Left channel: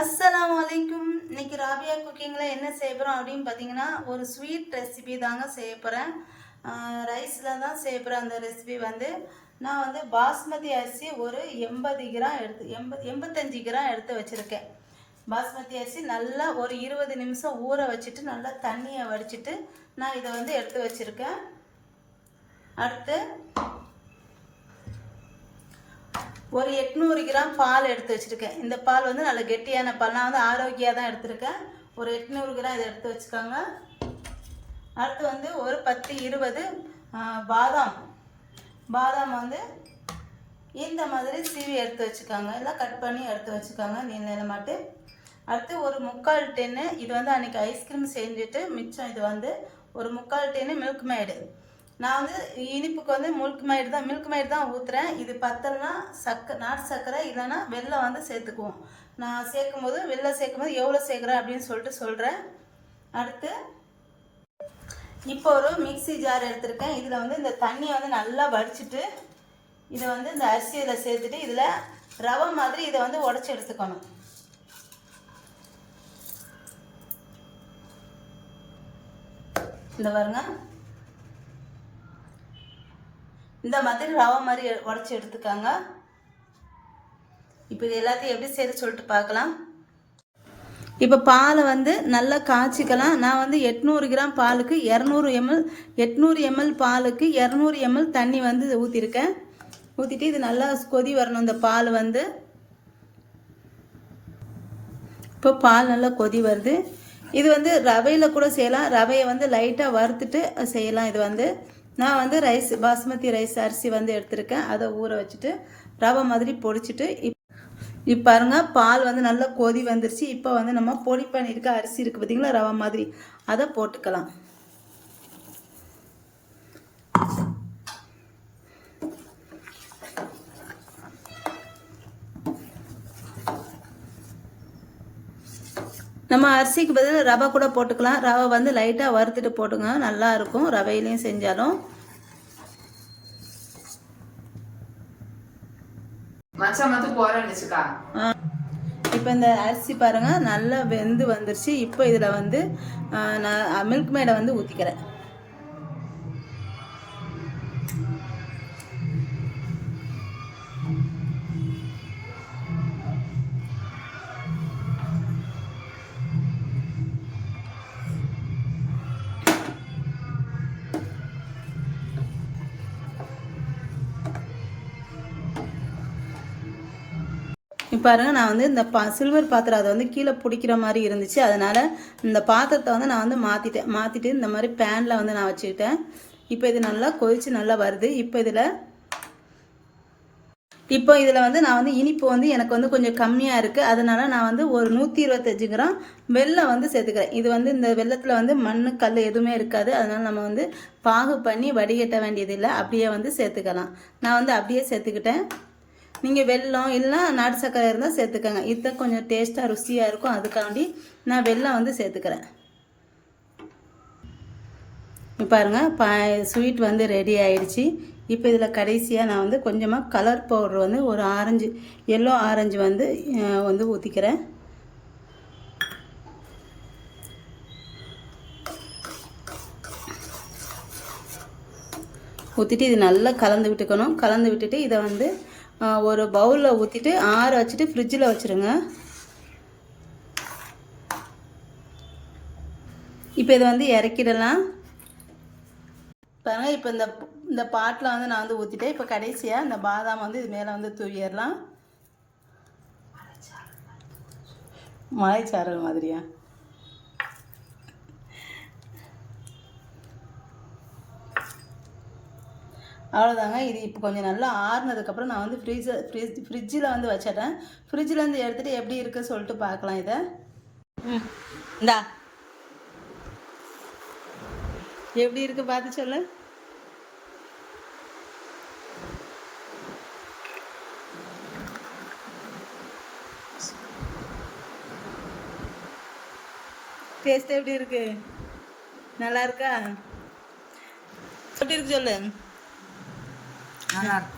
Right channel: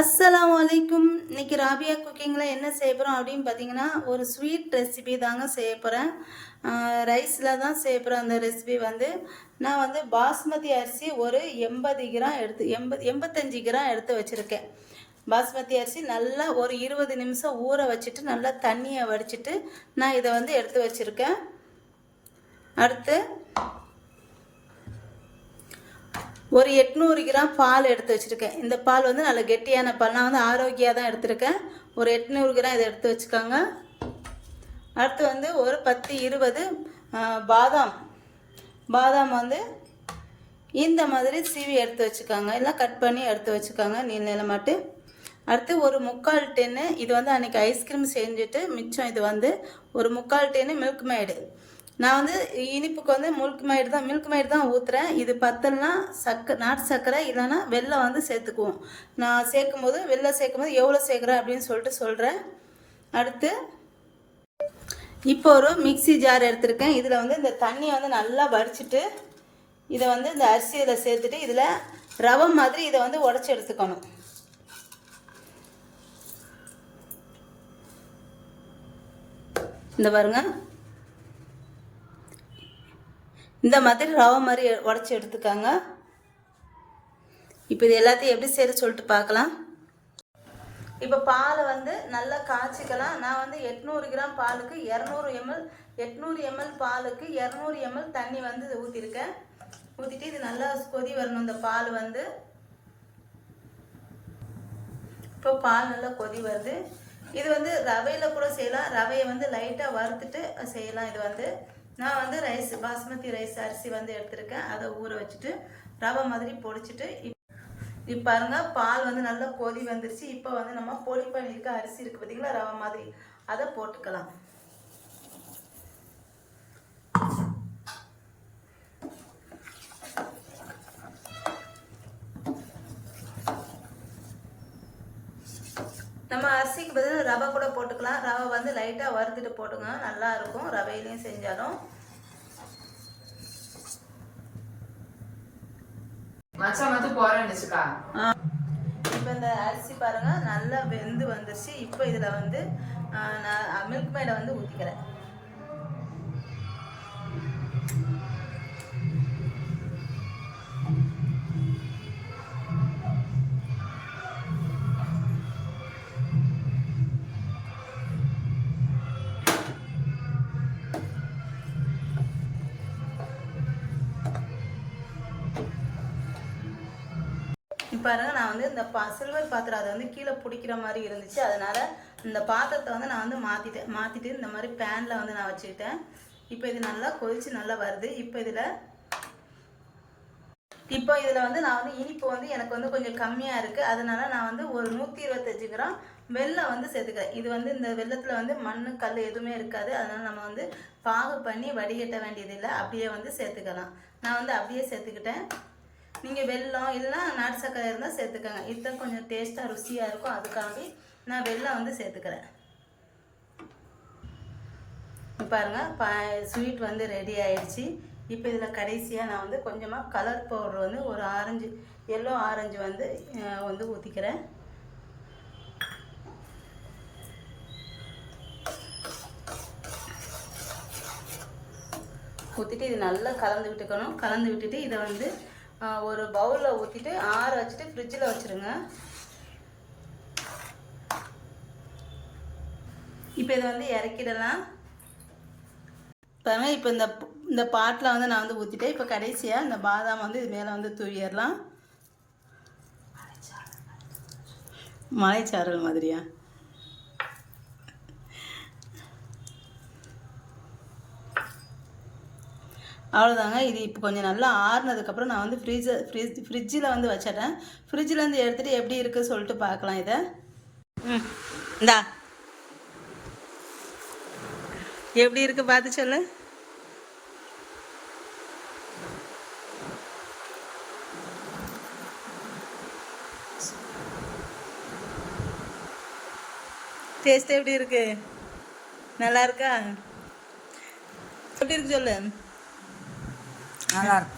அஸ்ஸலாமு அலைக்கும். இன்னைக்கு ராபியா குக்கிங்கில் என்ன செய்ய போகிறோம் அப்படின்னு பார்த்தீங்கன்னா, ஒரு ஸ்வீட் ரெசிபி தாங்க செய்ய போகிறேன். ரைஸில் தான் செய்ய போகிறேன். அந்த ரெசிபி வந்து நான் வந்து பாஸ்மதி அரிசி ஒரு 85 கிராம் எடுத்து வச்சுருக்கேன். பாஸ்மதி அரிசி நல்லா ஒரு 20 நிமிஷம் ஊற வச்சுட்டு நல்லா தண்ணியை வடிச்சிட்டு நான் இதை வந்து எடுத்து வச்சுருக்கேன். அடுத்து ஒரு 800 கிராம் பால் எடுத்து வச்சுருக்கேன். இந்த பால் வந்து நல்ல கெட்டியான பால். நான் வந்து ஆரோக்கியாக தான் எடுத்திருக்கேன். ஒரு 800 கிராம் இதை எடுத்து வச்சுக்கோங்க. அடுத்து வந்து ஒரு 10-20 பாதாம் வந்து இந்த மாதிரி சீவி எடுத்து வச்சுக்கோங்க. எல்லாம் கட் பண்ணி எடுத்து வச்சுக்கோங்க நீளமாட்டு. அடுத்து ஒரு 3/4 டென்னு இது வந்து அன்றைக்கி ஐஸ்கிரீம் செஞ்சுட்டு மிச்சம் இது வந்து ஒரு 3/4 டென்னு மில்க் மேடு. நான் வந்து இனிப்புக்கு வந்து மில்க் மேட் தான் ஊற்றுறேன். இது பத்தல்னா நாட்டு சர்க்கரை இல்லைன்னா வெல்லம் வந்து சேர்த்துக்குவோம். நான் வெல்லம் சேர்க்கும் போது எவ்வளோ சேர்க்குறேன் அப்படின்னு சொல்லிட்டு சொல்கிறேன். அடுத்து இப்போ ஒரு மிக்சி ஜார் எடுத்திருக்கேன். இதில் வந்து இந்த தண்ணியை வந்து நல்லா வடிச்சிட்டு இதை வந்து இந்த அரிசியில் சேர்த்துட்டு இதில் ரவை மாதிரி இதை வந்து உடச்சி எடுத்துக்கணும். இந்த பாருங்க, இந்த மாதிரி ரவை மாதிரி உடச்சி எடுத்துக்காங்க. இப்போ இது எல்லாத்தையும் எப்படி செய்ய சொல்லிட்டு பார்க்கலாம். இப்போ பாலை வந்து நல்லா காய்ச்சிக்கலாம். நான் வந்து 800 கிராம் பாலுக்கு 800 ml பாலுக்கு 200 ml தண்ணி வந்து ஊற்றிருக்கேன். ஊற்றிட்டு இது நல்லா கொதி வரணும். இந்த பால் வந்து இப்போ பால் நல்லா கொதி வருது. இது வந்து ரவையில் கூட செய்யலாம். ரவையை வந்து லைட்டாக வறுத்துட்டு செய்யலாம். இது வந்து நான் வந்து பாஸ்மதி ரைஸ் அரிசி வந்து எடுத்திருக்கேன். அதை ஊற வச்சுட்டு ரவை மாதிரி பொடிச்சிட்டு இப்போ பாருங்க, பால் வந்து நல்லா கொதி வந்துருச்சு. இப்போ வந்து நம்ம பொடி பண்ணியிருக்க அரிசி இருக்குது பார்த்தீங்களா, ரவை மாதிரி, அதை போட்டுக்கலாம். நம்ம அரிசிக்கு பதில் ரவை கூட போட்டுக்கலாம். ரவை வந்து லைட்டாக வறுத்துட்டு போட்டுங்க, நல்லா இருக்கும். ரவையிலையும் செஞ்சாலும் இப்போ இந்த அரிசி பாருங்க நல்லா வெந்து வந்துருச்சு. இப்போ இதில் வந்து நான் மில்க் மேடை வந்து ஊற்றிக்கிறேன். பாருங்க, நான் வந்து இந்த சில்வர் பாத்திரம் அதை வந்து கீழே பிடிக்கிற மாதிரி இருந்துச்சு. அதனால் இந்த பாத்திரத்தை வந்து நான் வந்து மாற்றிட்டு இந்த மாதிரி பேனில் வந்து நான் வச்சுக்கிட்டேன். இப்போ இது நல்லா கொதிச்சு நல்லா வருது. இப்போ இதில் வந்து நான் வந்து இனிப்பு வந்து எனக்கு வந்து கொஞ்சம் கம்மியாக இருக்குது. அதனால் நான் வந்து ஒரு 125 கிராம் வெல்லம் வந்து சேர்த்துக்கிறேன். இது வந்து இந்த வெல்லத்தில் வந்து மண் கல் எதுவுமே இருக்காது. அதனால் நம்ம வந்து பாகு பண்ணி வடிகட்ட வேண்டியதில்லை, அப்படியே வந்து சேர்த்துக்கலாம். நான் வந்து அப்படியே சேர்த்துக்கிட்டேன். நீங்கள் வெல்லம் இல்லைனா நாட்டு சர்க்கரை இருந்தால் சேர்த்துக்கங்க. இது கொஞ்சம் டேஸ்ட்டாக ருசியாக இருக்கும். அதுக்காண்டி நான் வெல்லம் வந்து சேர்த்துக்கிறேன். பாருங்கள், ஸ்வீட் வந்து ரெடி ஆயிடுச்சு. இப்போ இதில் கடைசியாக நான் வந்து கொஞ்சமாக கலர் பவுடர் வந்து ஒரு எல்லோ ஆரஞ்சு வந்து ஊற்றிக்கிறேன். ஊற்றிட்டு இது நல்லா கலந்து விட்டுக்கணும். கலந்து விட்டுட்டு இதை வந்து ஒரு பவுலில் ஊற்றிட்டு ஆற வச்சுட்டு ஃப்ரிட்ஜில் வச்சுருங்க. இப்போ இதை வந்து இறக்கிடலாம். பாருங்கள், இப்போ இந்த பாட்டில் வந்து நான் வந்து ஊற்றிட்டேன். இப்போ கடைசியாக இந்த பாதாம் வந்து இது மேலே வந்து தூவிடலாம். மலைச்சாரல் மாதிரியா? அவ்வளோதாங்க. இது இப்போ கொஞ்சம் நல்லா ஆறுனதுக்கப்புறம் நான் வந்து ஃப்ரிட்ஜில் வந்து வச்சிட்டேன். ஃப்ரிட்ஜிலேருந்து எடுத்துகிட்டு எப்படி இருக்குது சொல்லிட்டு பார்க்கலாம். இதை இந்தா எப்படி இருக்குது பார்த்து சொல்லு. டேஸ்ட் எப்படி இருக்கு? நல்லா இருக்கா? எப்படி இருக்கு சொல்லு. நல்லா இருக்கு.